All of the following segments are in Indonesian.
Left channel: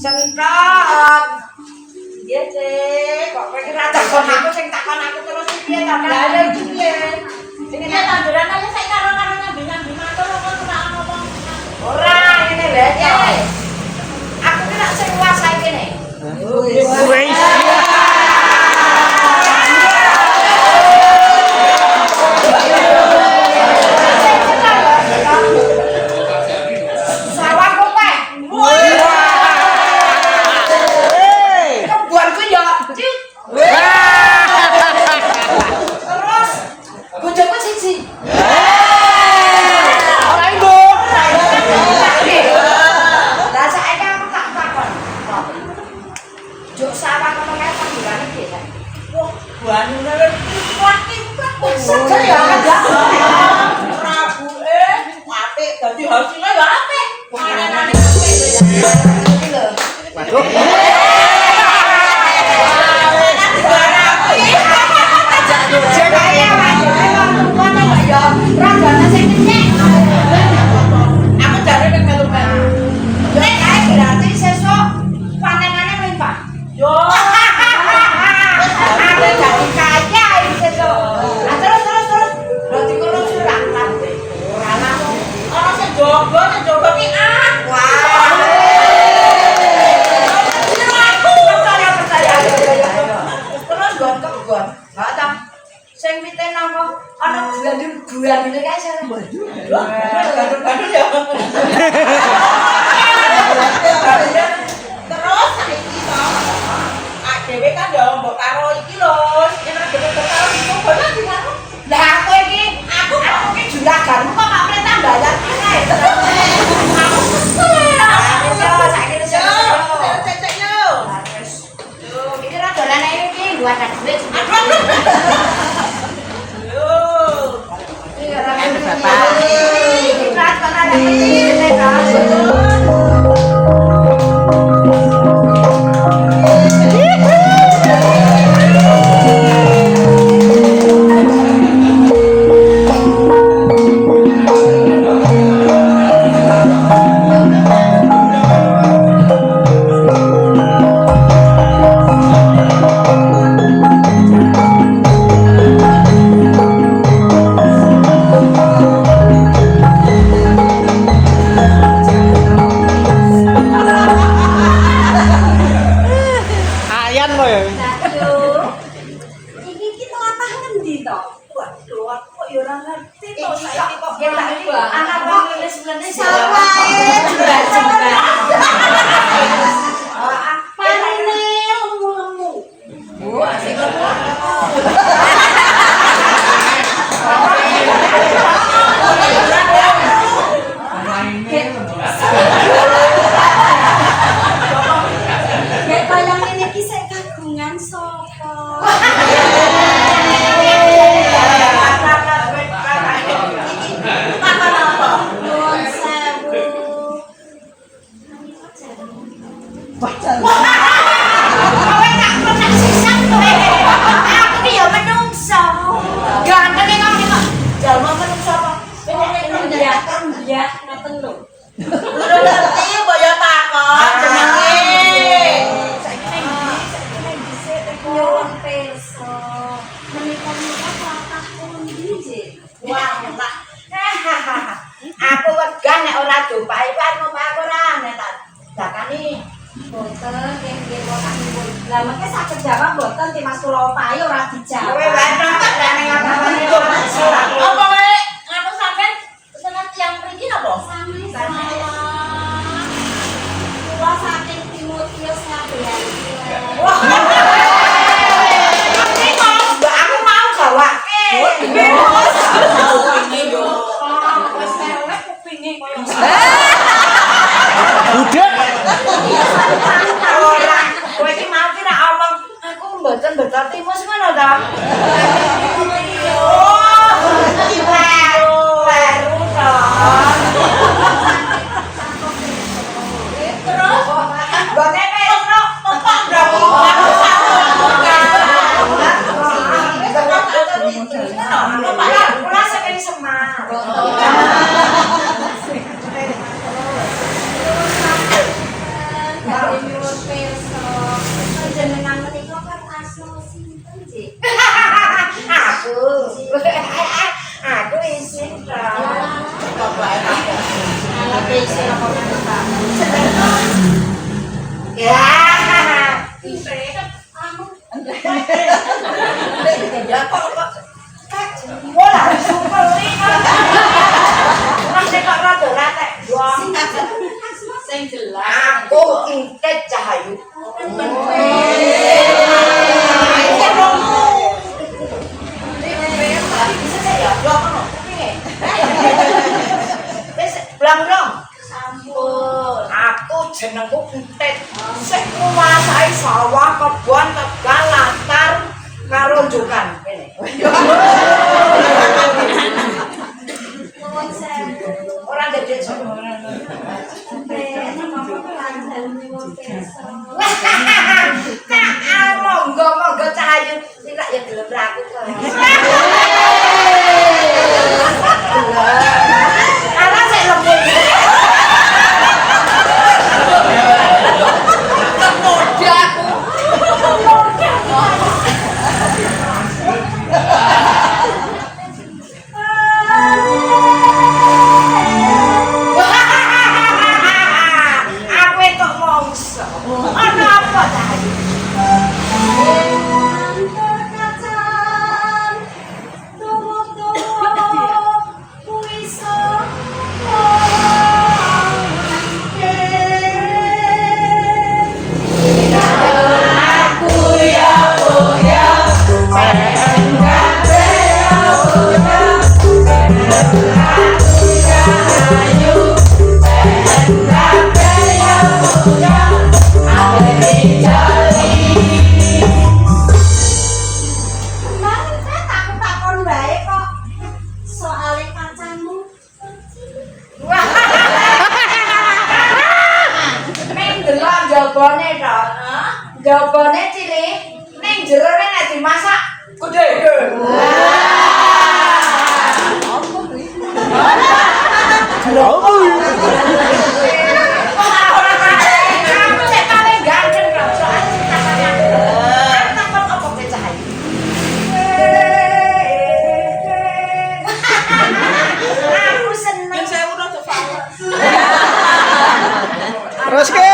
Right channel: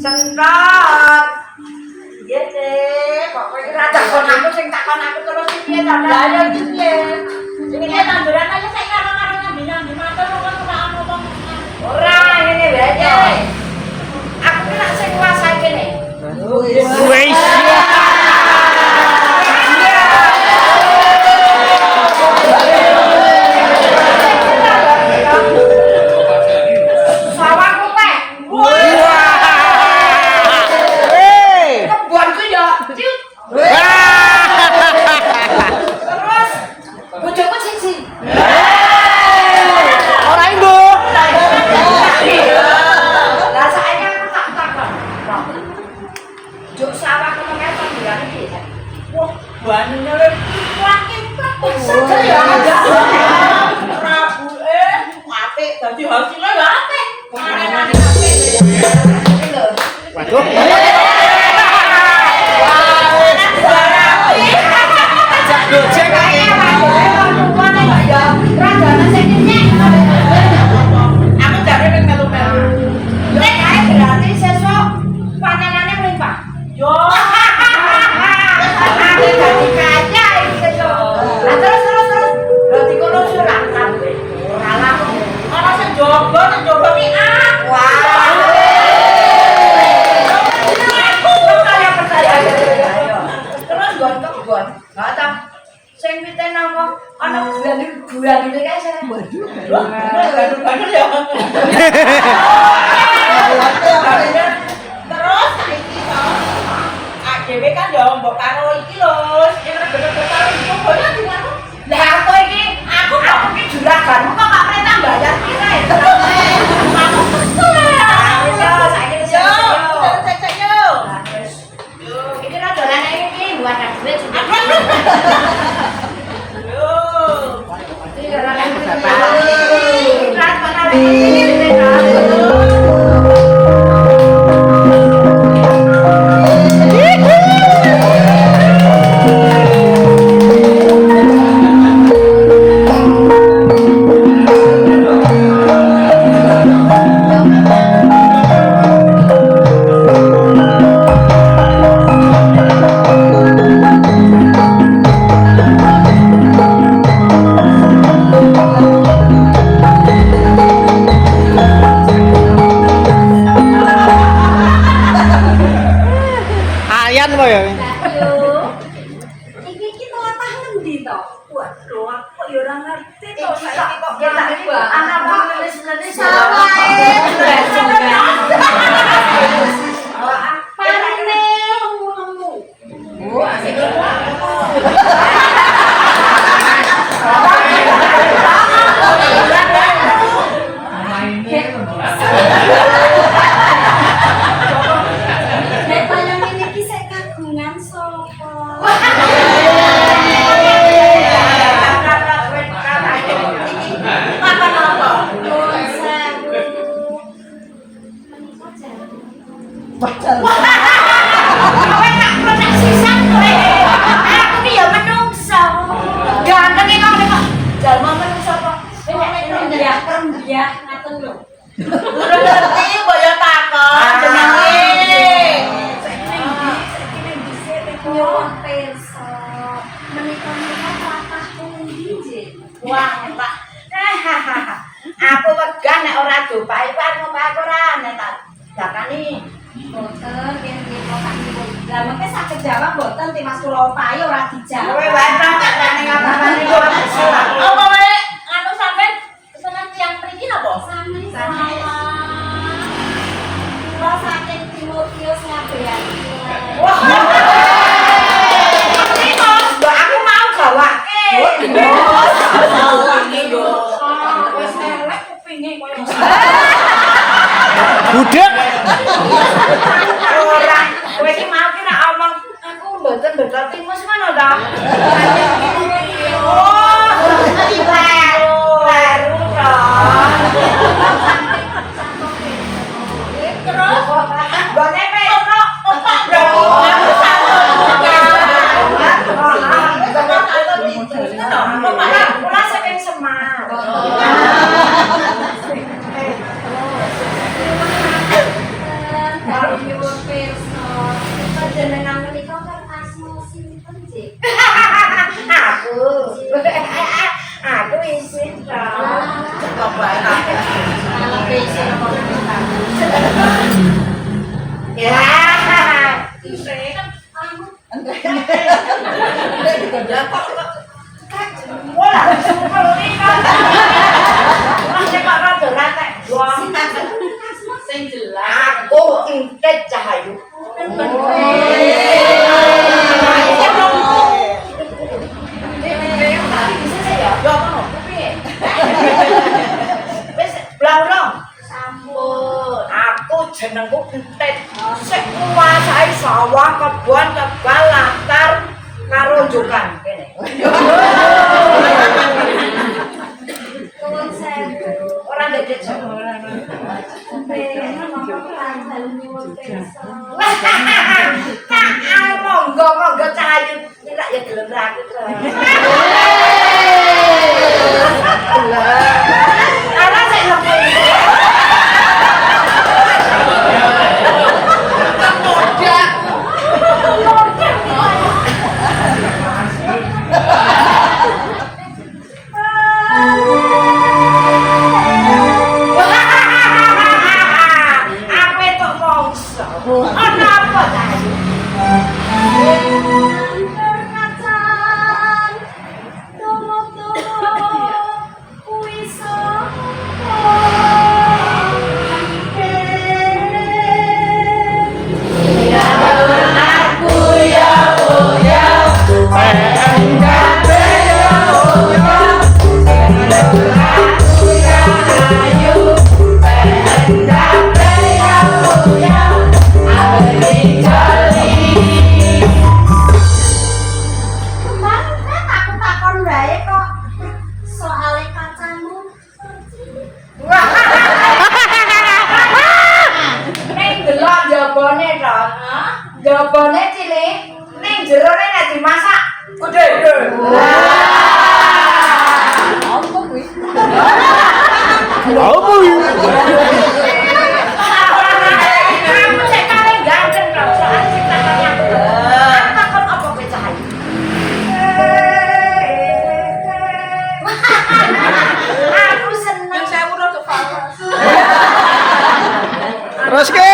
Sentrot. Iya, Cek. Kok kowe iki ra takon aku sing takon aku terus piye ta? Lah ya iki piye? Ini tanduran aja saya karo-karo nyambi-nyambi matur kok ora ngomong. Ora ngene wae, Cek. Aku ki lak sing nguasai kene. Wis. Dadi hasilnya gak apik. Panenane apik ya. Iki lho. Waduh. Aku jare ning melu-melu. Nek ae berarti sesuk panenane mlimpah. Yo. Aku jadi kaya iki sesuk. Lah terus. Lho dikono surak kabeh. Ora lah. Ana sing jogo ki wah. Percaya. Terus gon. Enggak ta. Sing piten apa? Ana gandul-gandule kae sare. Lho, gandul ya. Terus saiki to. Dhewe kan ya mbok karo iki lho. Sing bener-bener karo iki bola di aku. Lah aku kok iki juraganmu kok gak perintah bayar kene. Aku kesel ya. Yo, saiki wis yo. Cek yo. Wis. Yo, iki ra dolane iki buat duit. Yo. Iki ora iki kan ana lagi. Aku wegah nek ora dopae kan ngopak ora nek tak dakani boten nggih ngotak niku. Lah mengke saged jawab boten Ti Mas kula opahi ora dijawab. Kowe wae ta nek ngapa-ngapa yo salah. Apa wae anu sampean pesenan tiyang mriki napa? Sami salah. Kula saking Timotius Ngabeani. Wah. Mbak aku mau gawake. Budak. Ora, kowe iki mau ki nek omong aku mboten betul timus ngono ta? Oh, baru to. Terus gone Petro, opak bro. Aku sampun buka. Kula saking Semar. Baru Oh, intet Cahayu. Yo ngono, kepiye? Wis blang dong. Sampun. Aku jenengku Entet. Sing nguasai sawah, kebon, tegal, latar karo jokan kene. Nuwun sewu. Ora dadi jek. Monggo Cahayu tidak ya gelem ra aku kok. Ala sik lembut. Aku entuk mongso. Ana apa Cahayu? Jabone cilik ning jero nek dimasak gede-gede. Kamu cek paling ganteng dong, soalnya ciptaannya aku. Takon apa kowe Cahayu? Aku seneng. Saya udah tuh falas. Terus ke?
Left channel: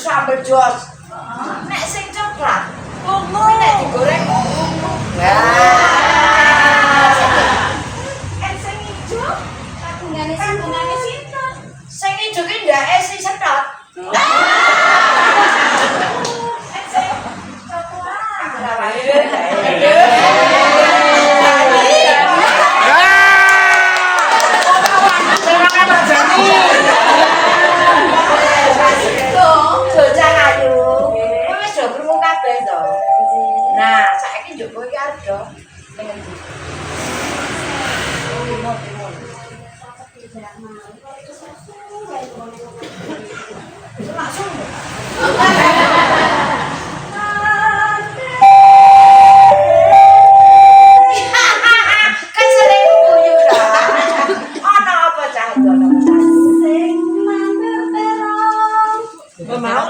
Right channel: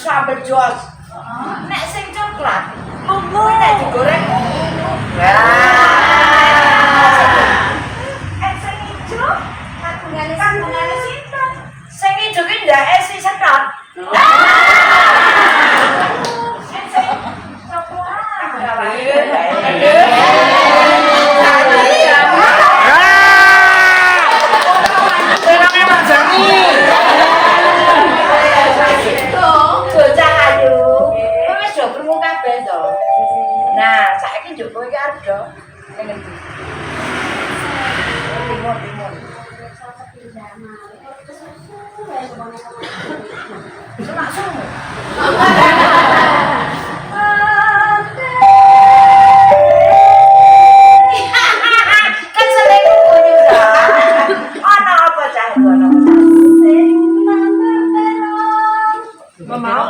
Sambel jos. Nek sing coklat, kuwi nek digoreng. Sing ijo, kagungane sinten? Sing ijo ki ndake si sedot. Sing nah, saiki njogo iki arep do ning endi? Timun. Langsung. Kan selingkuh kuyu dah. Ana apa cah itu ana apa cah? Sing mandek terong. Mau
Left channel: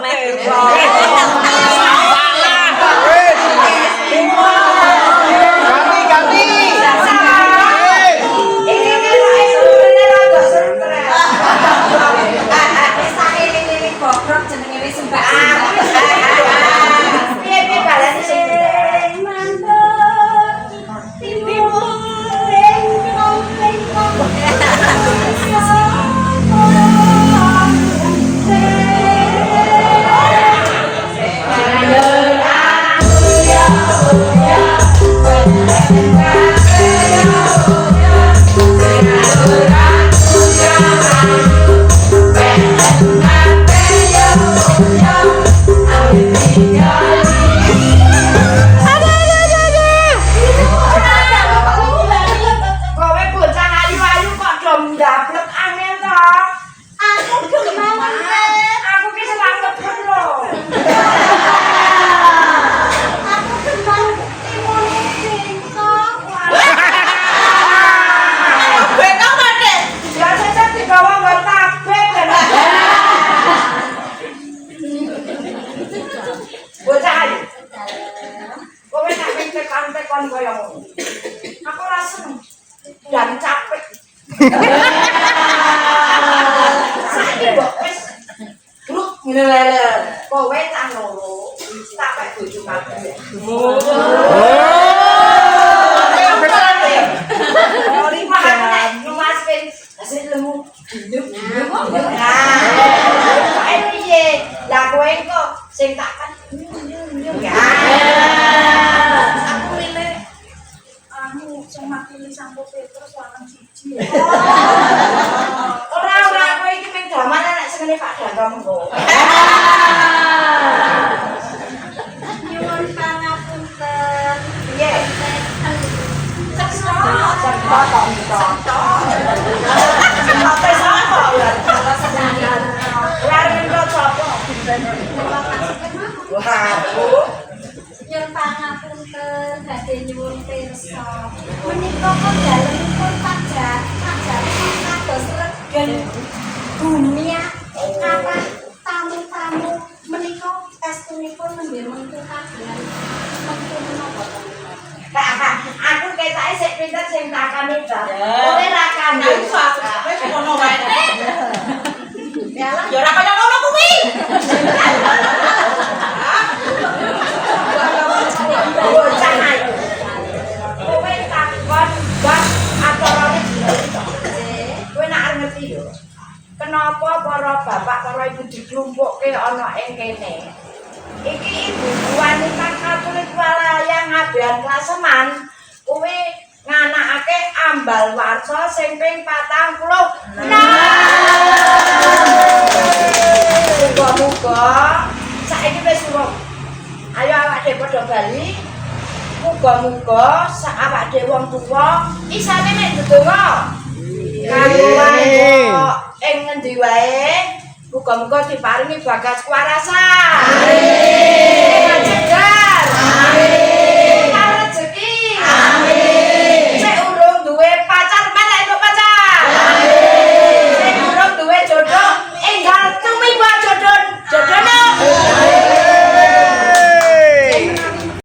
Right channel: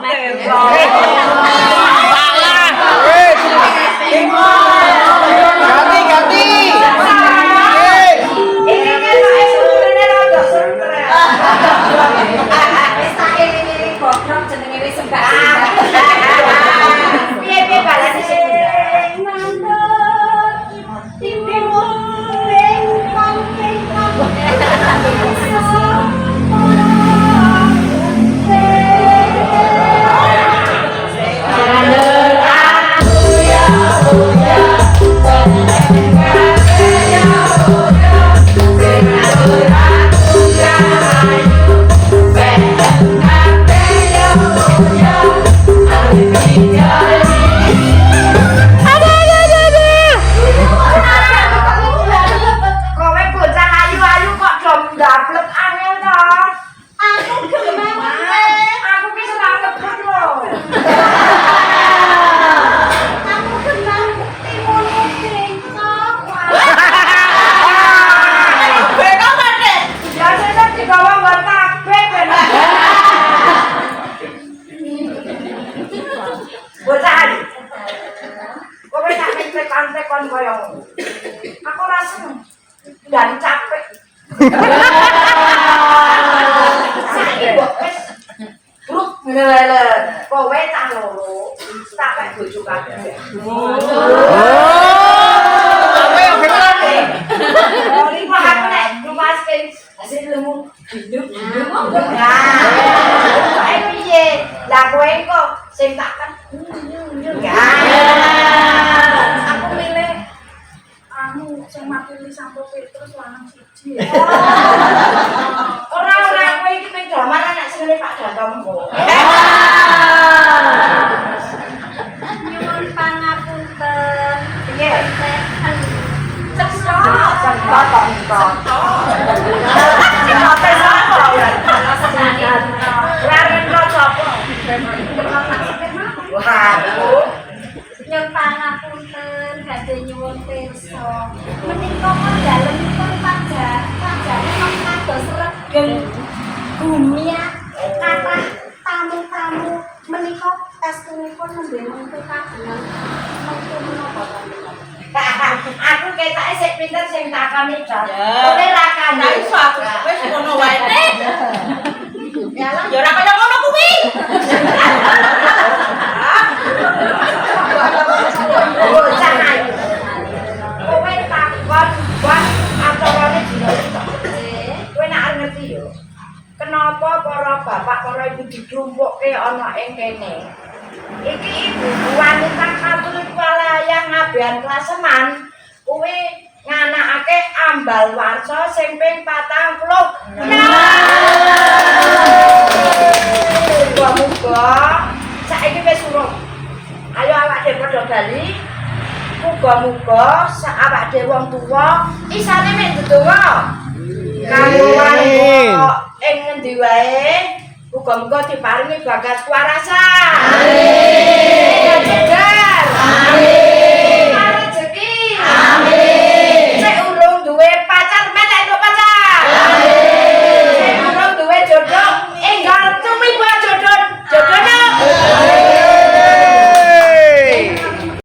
Lha kowe tak loro, tak pek bojo kabeh. Lima aku nek nyumasken hasil lemu hidup. Ayo piye? Lah kowe kok sing tak kan Aku milih anu sing makili Santo Petrus lanang siji. ora kowe iki ping gaman anak sengene Pak Danto mengko. Nyuwun pangapunten. Piye? Cekso. Cekso kok minta. Cekso tes apa ya? Kalau senani. Laren kok sapa? Waduh. Nyuwun pangapunten badhe nyuwun pirsa. Menika kok dalemipun pajare kok kados regen dunia kathah tamu-tamu menika estunipun nembe mengku kagungan mengku menapa to menika. Aku ketake sik pinter sing takane dak. Kowe ra kane. Wis ngono wae. Ya ora kaya ngono kuwi. Bocah ayu. Kowe takon ban acarane dina iki. Kowe nek arep ngerti yo. Kenapa para bapak, para ibu diklumpukke ana ing kene? Iki ibu wanita Katolik walayang ngabehan klaseman. Kowe nganakake ambal warsa sing ping 40. Muga-muga saiki wis urung. Ayo awak dhewe padha bali. Muga-muga sak awak dhewe wong tuwa isane mek ndedonga. Kanggo ing ngendi wae muga-muga diparingi bagas kuwarasan. Amin.